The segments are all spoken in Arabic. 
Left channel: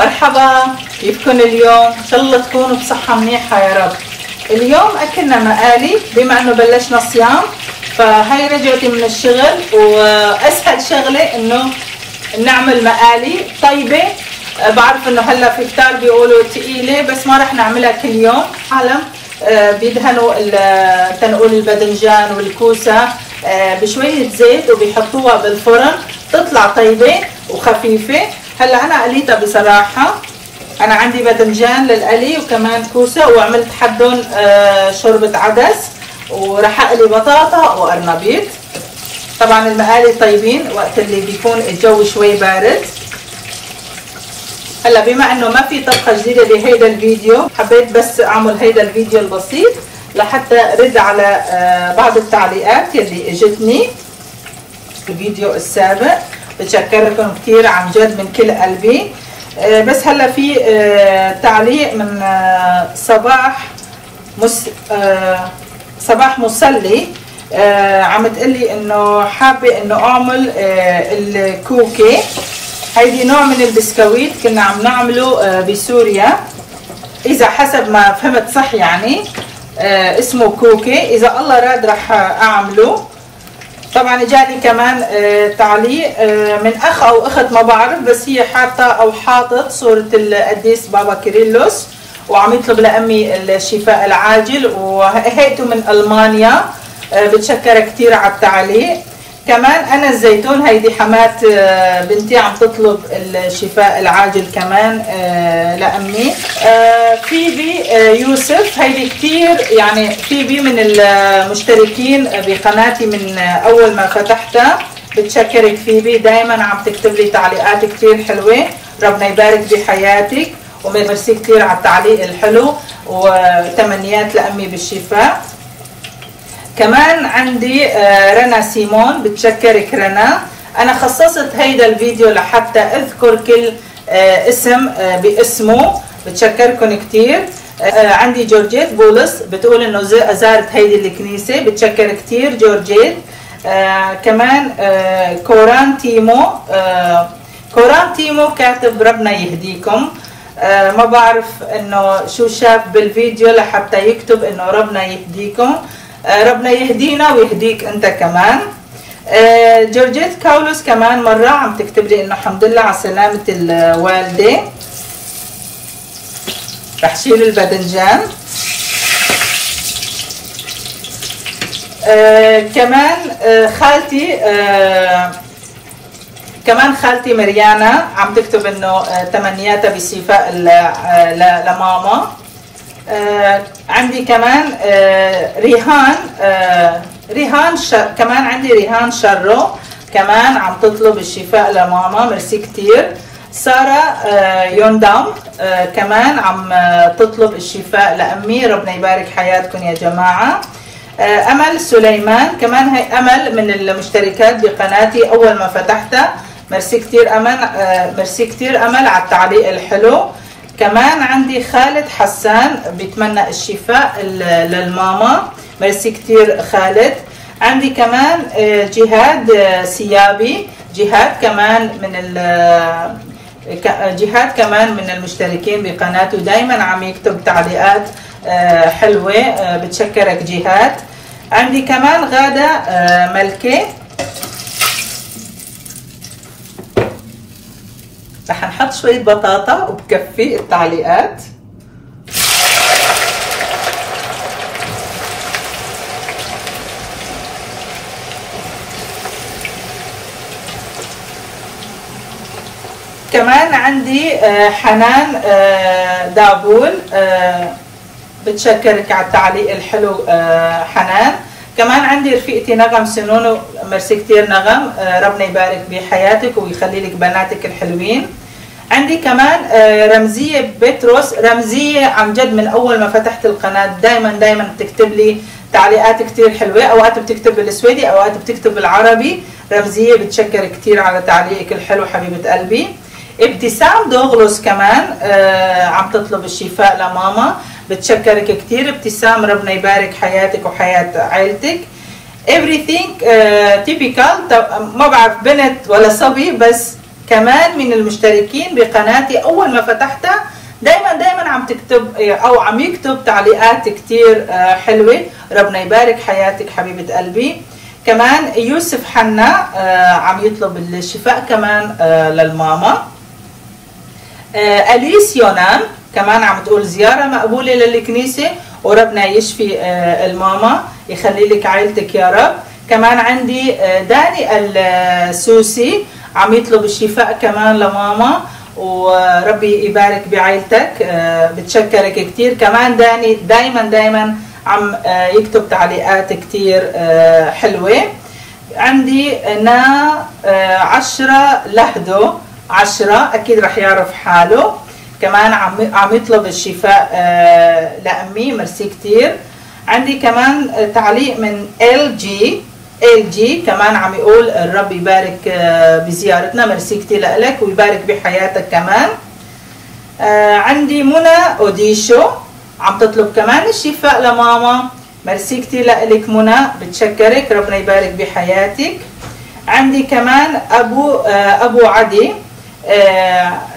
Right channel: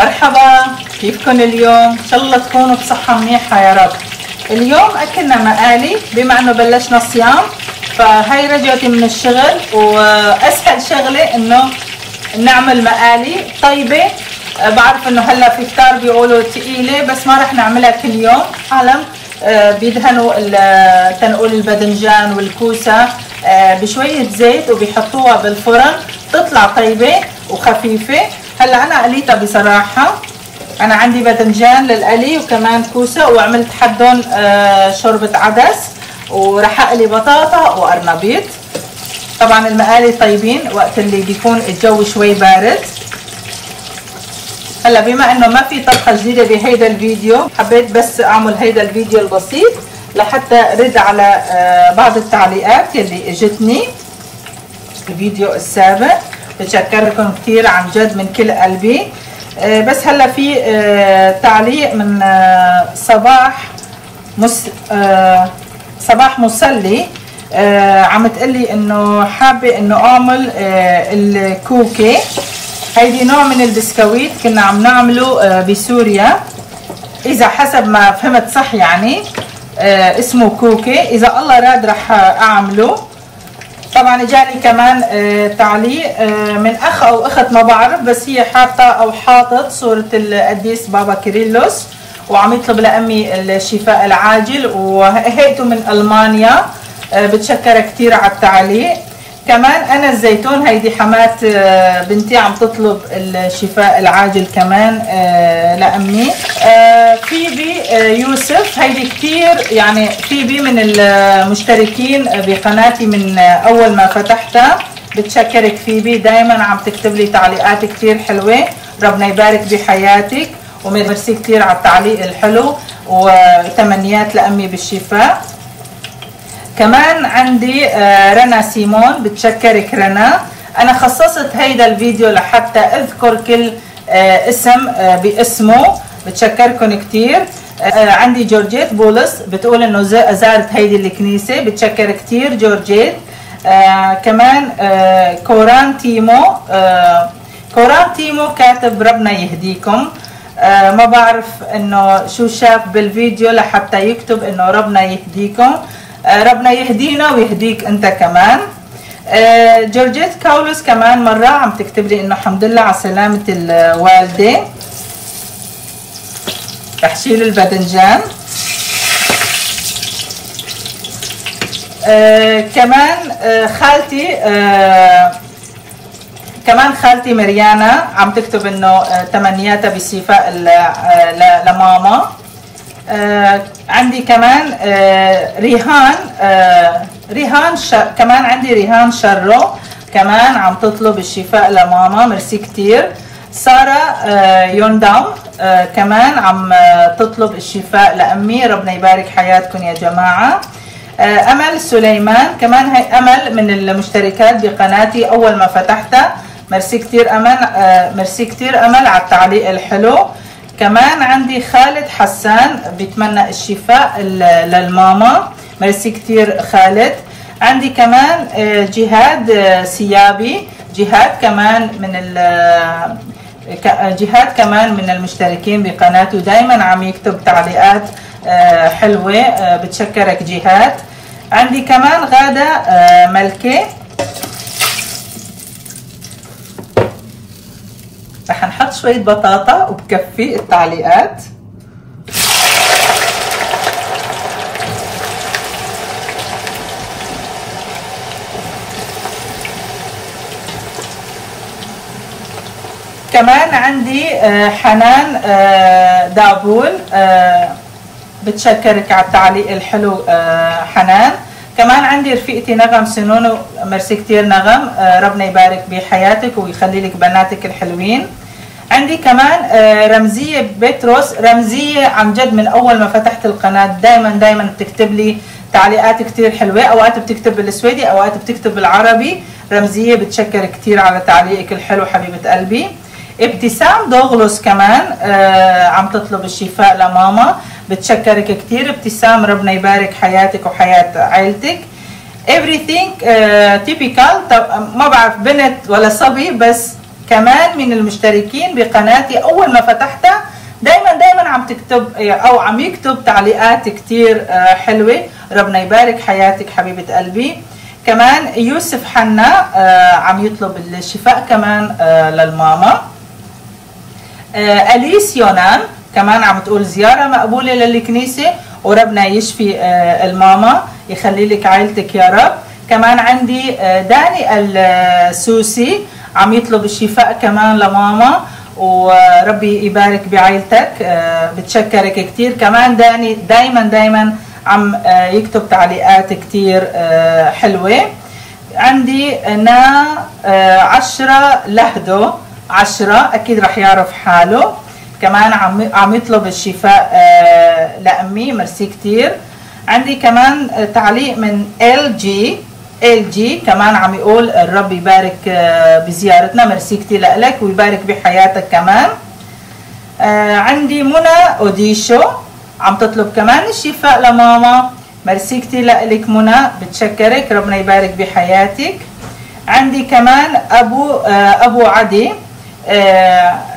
مرحبا، كيفكن اليوم؟ ان شاء الله تكونوا بصحة منيحة يا رب. اليوم اكلنا مقالي بما انه بلشنا صيام، فهي رجعتي من الشغل واسهل شغلة انه نعمل مقالي طيبة. بعرف انه هلا في كتار بيقولوا ثقيلة بس ما رح نعملها كل يوم. عالم بيدهنوا تنقول الباذنجان والكوسة بشوية زيت وبيحطوها بالفرن، تطلع طيبة وخفيفة. هلا انا قليتها بصراحة، انا عندي باذنجان للقلي وكمان كوسة، وعملت حدهم شوربة عدس، ورح اقلي بطاطا وقرنبيط. طبعا المقالي طيبين وقت اللي بيكون الجو شوي بارد. هلا بما انه ما في طبخة جديدة بهيدا الفيديو، حبيت بس اعمل هيدا الفيديو البسيط لحتى رد على بعض التعليقات يلي اجتني الفيديو السابق. بتشكركم كثير عن جد من كل قلبي. بس هلا في تعليق من صباح مسلي، عم تقلي انه حابه انه اعمل الكوكي. هيدي نوع من البسكويت كنا عم نعمله بسوريا، اذا حسب ما فهمت صح يعني اسمه كوكي. اذا الله راد رح اعمله. طبعا اجاني كمان تعليق من اخ او اخت ما بعرف، بس هي حاطه او حاطط صوره القديس بابا كيرلس وعم يطلب لامي الشفاء العاجل، وهيته من المانيا. بتشكر كثير على التعليق. كمان انا الزيتون، هيدي حمات بنتي عم تطلب الشفاء العاجل كمان لامي. فيبي يوسف، هيدي كثير يعني فيبي من المشتركين بقناتي من اول ما فتحتها. بتشكرك فيبي، دائما عم تكتب لي تعليقات كثير حلوه. ربنا يبارك بحياتك، وميرسي كثير على التعليق الحلو، وتمنيات لامي بالشفاء. كمان عندي رنا سيمون، بتشكرك رنا. انا خصصت هيدا الفيديو لحتى اذكر كل اسم باسمه. بتشكركم كثير. عندي جورجيت بولس بتقول انه زارت هيدي الكنيسه، بتشكر كثير جورجيت. كمان كوران تيمو كاتب ربنا يهديكم. ما بعرف انه شو شاف بالفيديو لحتى يكتب انه ربنا يهديكم. ربنا يهدينا ويهديك انت كمان. جورجيت كاولوس كمان مرة عم تكتب لي انه الحمد لله على سلامة الوالدة. رح شيل الباذنجان. كمان خالتي مريانا عم تكتب انه تمنياتها بشفاء لماما. عندي كمان ريهان كمان عندي ريهان شرو كمان عم تطلب الشفاء لماما، ميرسي كتير. سارة يوندام كمان عم تطلب الشفاء لأمي، ربنا يبارك حياتكم يا جماعة. أمل سليمان كمان، هي أمل من المشتركات بقناتي أول ما فتحتها. ميرسي كتير أمل، ميرسي كتير أمل على التعليق الحلو. كمان عندي خالد حسان بيتمنى الشفاء للماما، ميرسي كتير خالد. عندي كمان جهاد سيابي، جهاد كمان من المشتركين بقناته، دايما عم يكتب تعليقات حلوة. بتشكرك جهاد. عندي كمان غادة ملكة. رح نحط شوية بطاطا وبكفي التعليقات. كمان عندي حنان دابول، بتشكرك على التعليق الحلو حنان. كمان عندي رفيقتي نغم سنونو، ميرسي كتير نغم، ربنا يبارك بحياتك ويخلي لك بناتك الحلوين. عندي كمان رمزية بطرس. رمزية عن جد من أول ما فتحت القناة دايما بتكتب لي تعليقات كتير حلوة، أوقات بتكتب بالسويدي أوقات بتكتب بالعربي. رمزية بتشكر كتير على تعليقك الحلو حبيبة قلبي. ابتسام دوغلوس كمان عم تطلب الشفاء لماما، بتشكرك كتير ابتسام، ربنا يبارك حياتك وحياة عائلتك. everything typical، ما بعرف بنت ولا صبي بس كمان من المشتركين بقناتي. اول ما فتحتها دايما عم تكتب او عم يكتب تعليقات كتير حلوه. ربنا يبارك حياتك حبيبه قلبي. كمان يوسف حنا عم يطلب الشفاء كمان للماما. اليس يونان كمان عم تقول زياره مقبوله للكنيسه وربنا يشفي الماما، يخلي لك عائلتك يا رب. كمان عندي داني السوسي عم يطلب الشفاء كمان لماما وربي يبارك بعائلتك. بتشكرك كتير. كمان داني دايما عم يكتب تعليقات كتير حلوه. عندي انا 10 لهدو 10 اكيد رح يعرف حاله، كمان عم يطلب الشفاء لامي، ميرسي كتير. عندي كمان تعليق من ال جي كمان عم يقول الرب يبارك بزيارتنا، ميرسي كتير لك ويبارك بحياتك كمان. عندي منى اوديشو عم تطلب كمان الشفاء لماما، ميرسي كتير لك منى، بتشكرك ربنا يبارك بحياتك. عندي كمان ابو عدي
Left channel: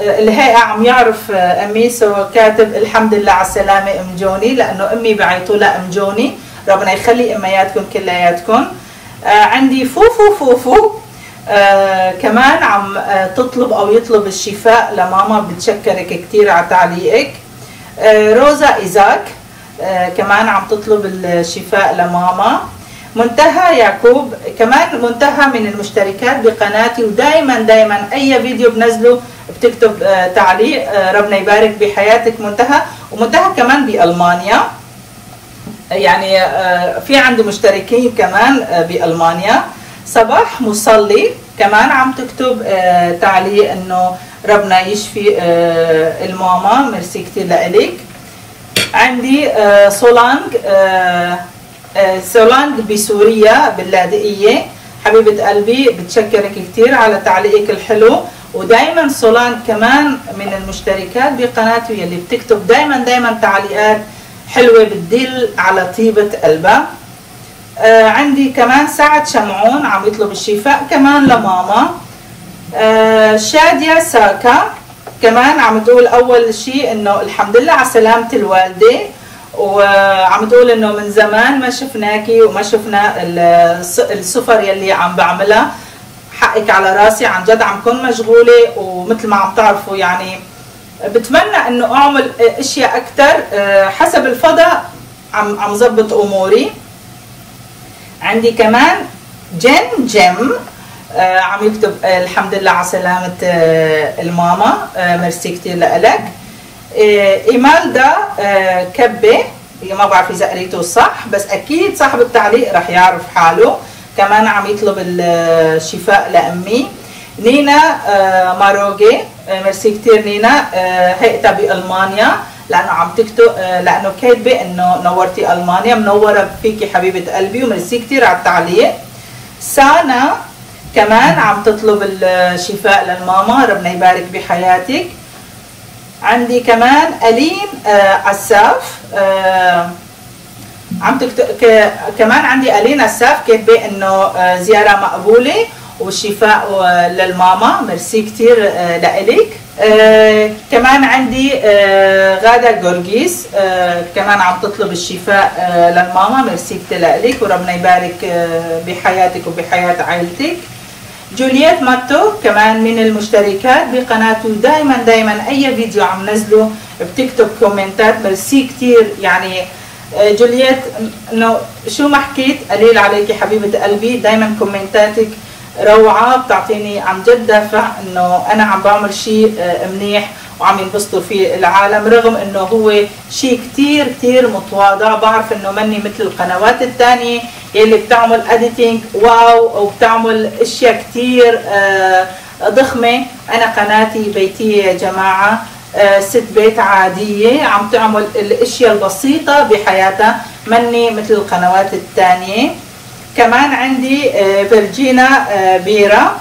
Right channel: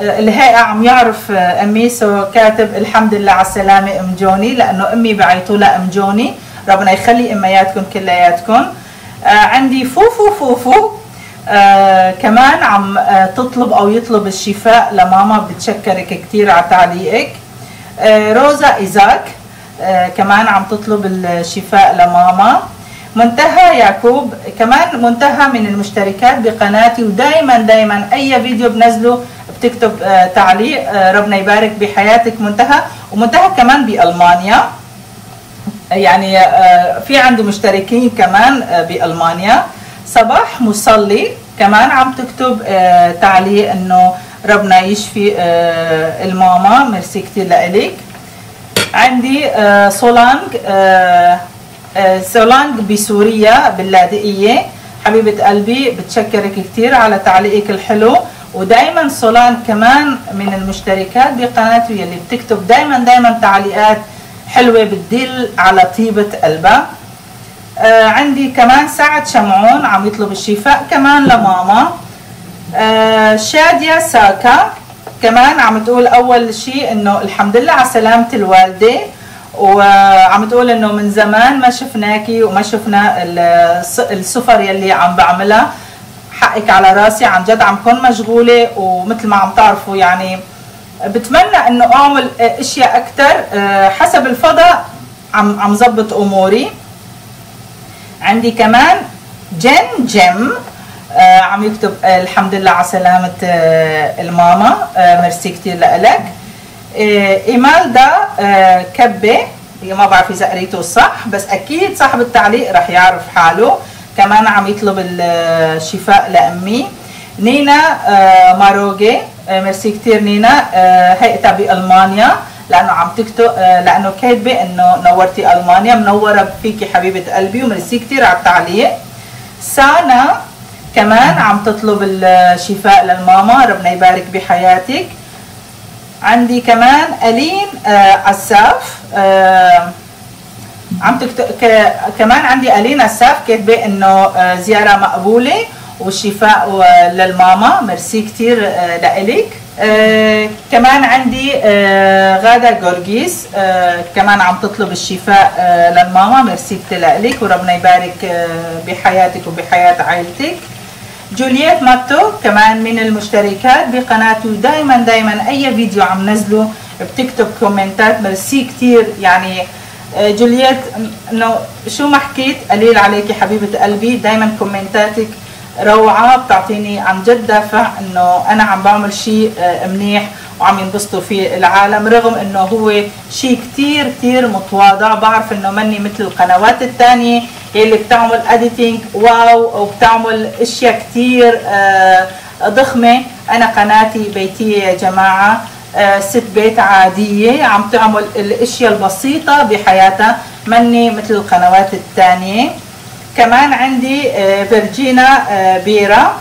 الهيئة عم يعرف امي، سو كاتب الحمد لله على السلامة ام جوني، لانه امي بعيطوا لها ام جوني، ربنا يخلي امياتكم كلياتكم. عندي فوفو كمان عم تطلب او يطلب الشفاء لماما، بتشكرك كثير على تعليقك. روزا ايزاك كمان عم تطلب الشفاء لماما. منتهى يعقوب كمان منتهى من المشتركات بقناتي، ودائما اي فيديو بنزله بتكتب تعليق، ربنا يبارك بحياتك منتهى. ومنتهى كمان بألمانيا، يعني في عندي مشتركين كمان بألمانيا. صباح مصلي كمان عم تكتب تعليق انه ربنا يشفي الماما، ميرسي كثير لك. عندي سولانج بسوريا باللاذقية، حبيبة قلبي بتشكرك كثير على تعليقك الحلو. ودائما سولانج كمان من المشتركات بقناتي يلي بتكتب دائما تعليقات حلوة بتدل على طيبة قلبها. عندي كمان سعد شمعون عم يطلب الشفاء كمان لماما. شادية ساكا كمان عم تقول اول شيء انه الحمد لله على سلامة الوالدة، وعم تقول انه من زمان ما شفناكي وما شفنا السفر يلي عم بعملها، حقك على راسي عن جد عم كون مشغولة، ومثل ما عم تعرفوا يعني بتمنى انه اعمل اشياء اكثر حسب الفضاء، عم زبط اموري. عندي كمان جيم عم يكتب الحمد لله على سلامة الماما، ميرسي كثير لك. إيمالدا كبة، ما بعرف اذا قريته صح بس اكيد صاحب التعليق رح يعرف حاله، كمان عم يطلب الشفاء لامي. نينا ماروجي، ميرسي كثير نينا، هيئتها بألمانيا لانه عم تكتب لانه كاتبه انه نورتي المانيا، منوره فيكي حبيبه قلبي وميرسي كثير على التعليق. سانا كمان عم تطلب الشفاء للماما، ربنا يبارك بحياتك. عندي كمان ألين عساف عم تكتب كمان عندي ألين عساف كاتبه انه زياره مقبوله والشفاء للماما، ميرسي كثير لإلك. كمان عندي غادة جورجيس كمان عم تطلب الشفاء للماما، ميرسي كثير لإلك وربنا يبارك بحياتك وبحياة عائلتك. جولييت ماتو كمان من المشتركات بقناته، دائما اي فيديو عم نزله بتكتب كومنتات، ميرسي كثير. يعني جولييت انه شو ما حكيت قليل عليكي حبيبه قلبي، دائما كومنتاتك روعه، بتعطيني عن جد دافع انه انا عم بعمل شيء منيح وعم ينبسطوا فيه العالم، رغم انه هو شيء كثير متواضع. بعرف انه مني مثل القنوات الثانيه اللي بتعمل اديتنج واو وبتعمل اشياء كثير ضخمه. انا قناتي بيتيه يا جماعه، ست بيت عاديه عم تعمل الاشياء البسيطه بحياتها، مني مثل القنوات الثانيه. كمان عندي فيرجينا بيرا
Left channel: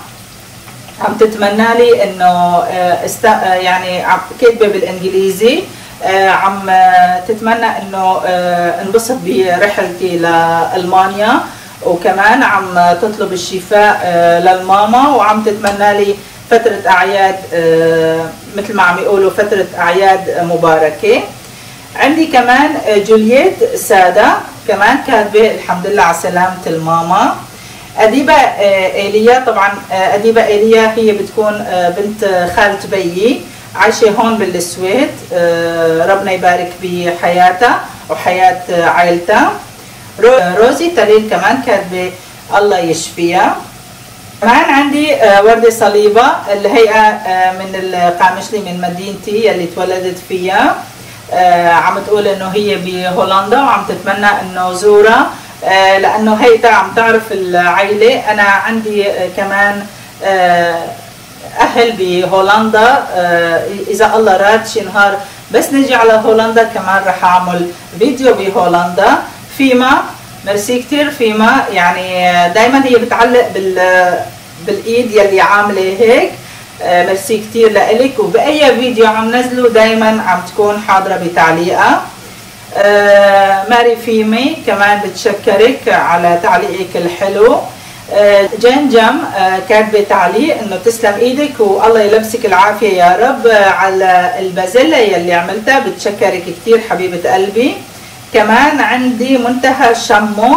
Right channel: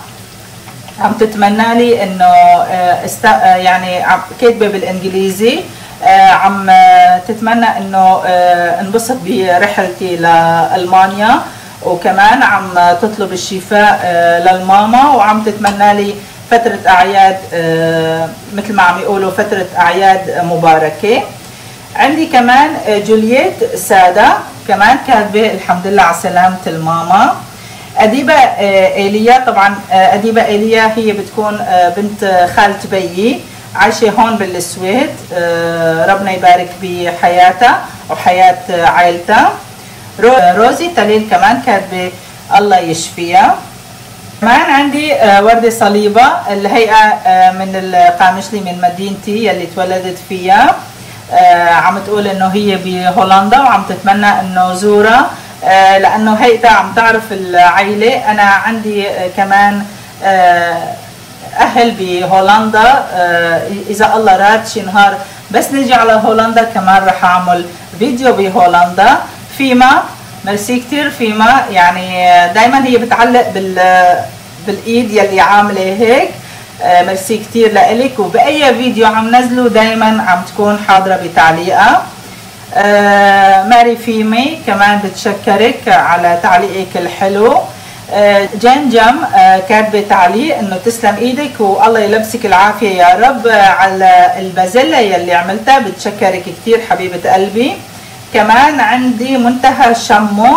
عم تتمنى لي انه يعني كاتبه بالانجليزي، عم تتمنى انه انبسط برحلتي لألمانيا، وكمان عم تطلب الشفاء للماما، وعم تتمنى لي فترة أعياد مثل ما عم يقولوا فترة أعياد مباركة. عندي كمان جولييت سادة كمان كاتبة الحمد لله على سلامة الماما. أديبة إيليا، طبعا أديبة إيليا هي بتكون بنت خالة بيي، عايشة هون بالسويد، ربنا يبارك بحياتها وحياة عائلتها. روزي تليل كمان كاتبة الله يشفيها. كمان عندي وردة صليبة الهيئة من القامشلي من مدينتي يلي تولدت فيها، عم تقول انه هي بهولندا وعم تتمنى انه زورها لانه هيئتها عم تعرف العائلة. انا عندي كمان اهل بهولندا، اذا الله راد شي نهار بس نجي على هولندا كمان رح اعمل فيديو بهولندا. فيما ميرسي كتير فيما، يعني دايما هي بتعلق بالايد يلي عامله هيك، ميرسي كتير لإلك، وبأي فيديو عم نزله دايما عم تكون حاضرة بتعليقها. ماري فيمي كمان بتشكرك على تعليقك الحلو. جنجم كاتبه تعليق انه تسلم ايدك والله يلبسك العافيه يا رب على البازيلا يلي عملتها، بتشكرك كثير حبيبه قلبي. كمان عندي منتهى شمو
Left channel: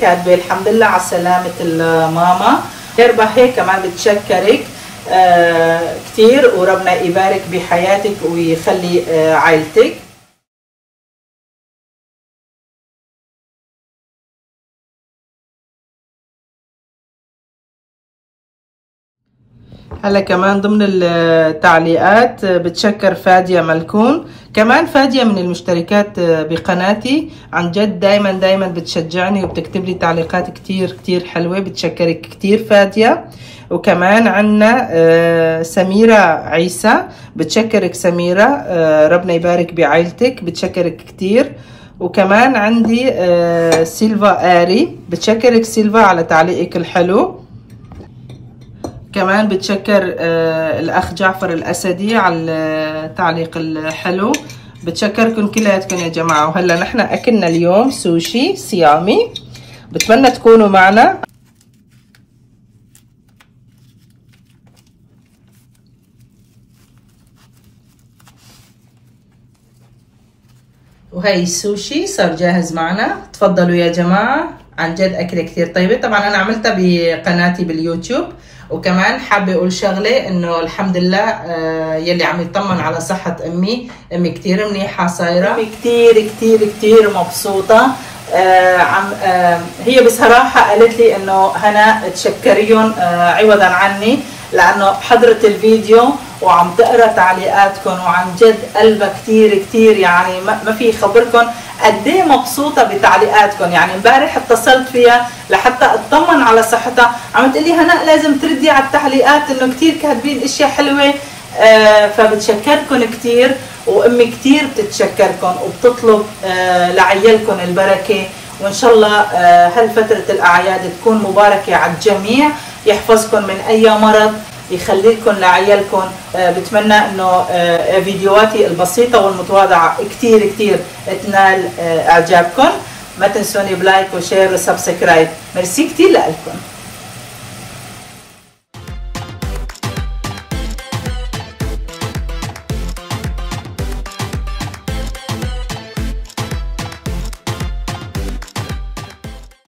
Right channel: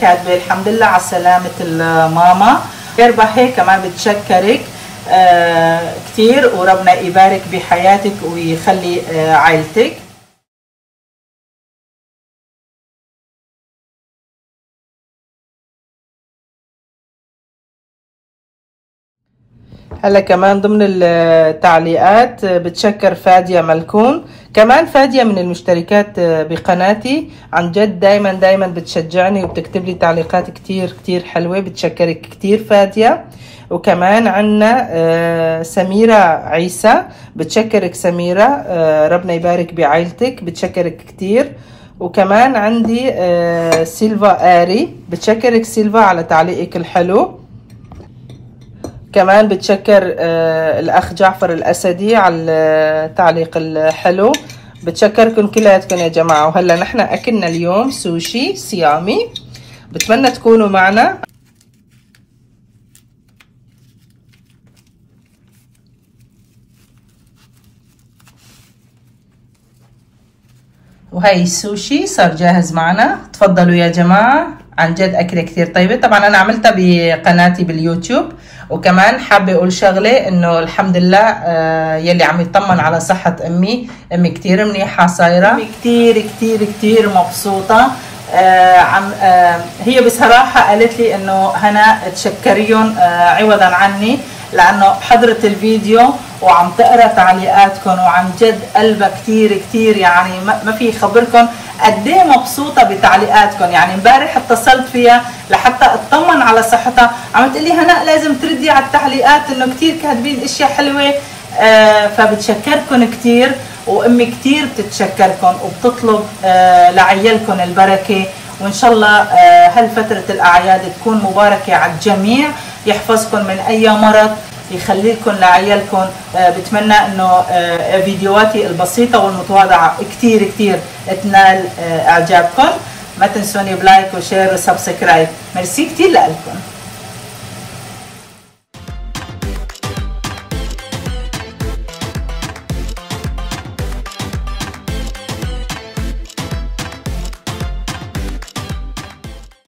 كاتبه الحمد لله على سلامه الماما. يربحي كمان بتشكرك كثير وربنا يبارك بحياتك ويخلي عائلتك. هلا كمان ضمن التعليقات بتشكر فادية ملكون، كمان فادية من المشتركات بقناتي، عن جد دايما بتشجعني وبتكتب لي تعليقات كتير حلوة، بتشكرك كتير فادية. وكمان عنا سميرة عيسى، بتشكرك سميرة، ربنا يبارك بعائلتك، بتشكرك كتير. وكمان عندي سيلفا آري، بتشكرك سيلفا على تعليقك الحلو. كمان بتشكر الأخ جعفر الأسدي على التعليق الحلو، بتشكركم كلياتكم يا جماعة. وهلا نحن أكلنا اليوم سوشي صيامي، بتمنى تكونوا معنا. وهي السوشي صار جاهز معنا، تفضلوا يا جماعة، عن جد أكلة كثير طيبة. طبعا أنا عملتها بقناتي باليوتيوب. وكمان حابة أقول شغلة إنه الحمد لله يلي عم يطمن على صحة أمي كثير منيحة صايرة، أمي كثير مبسوطة. هي بصراحة قالت لي إنه هنا تشكريهم عوضا عني لأنه حضرت الفيديو وعم تقرا تعليقاتكم، وعن جد قلبها كثير يعني ما في خبركم قد ايه مبسوطه بتعليقاتكم. يعني امبارح اتصلت فيها لحتى اطمن على صحتها، عم تقول لي هنا لازم تردي على التعليقات انه كثير كاتبين اشياء حلوه. فبتشكركم كثير، وامي كثير بتتشكركم وبتطلب لعيالكم البركه، وان شاء الله هالفتره الاعياد تكون مباركه على الجميع، يحفظكم من اي مرض، يخلي لكم لعيالكم. بتمنى انه فيديوهاتي البسيطه والمتواضعه كثير تنال اعجابكم. ما تنسوني بلايك وشير وسبسكرايب. ميرسي كثير لكم.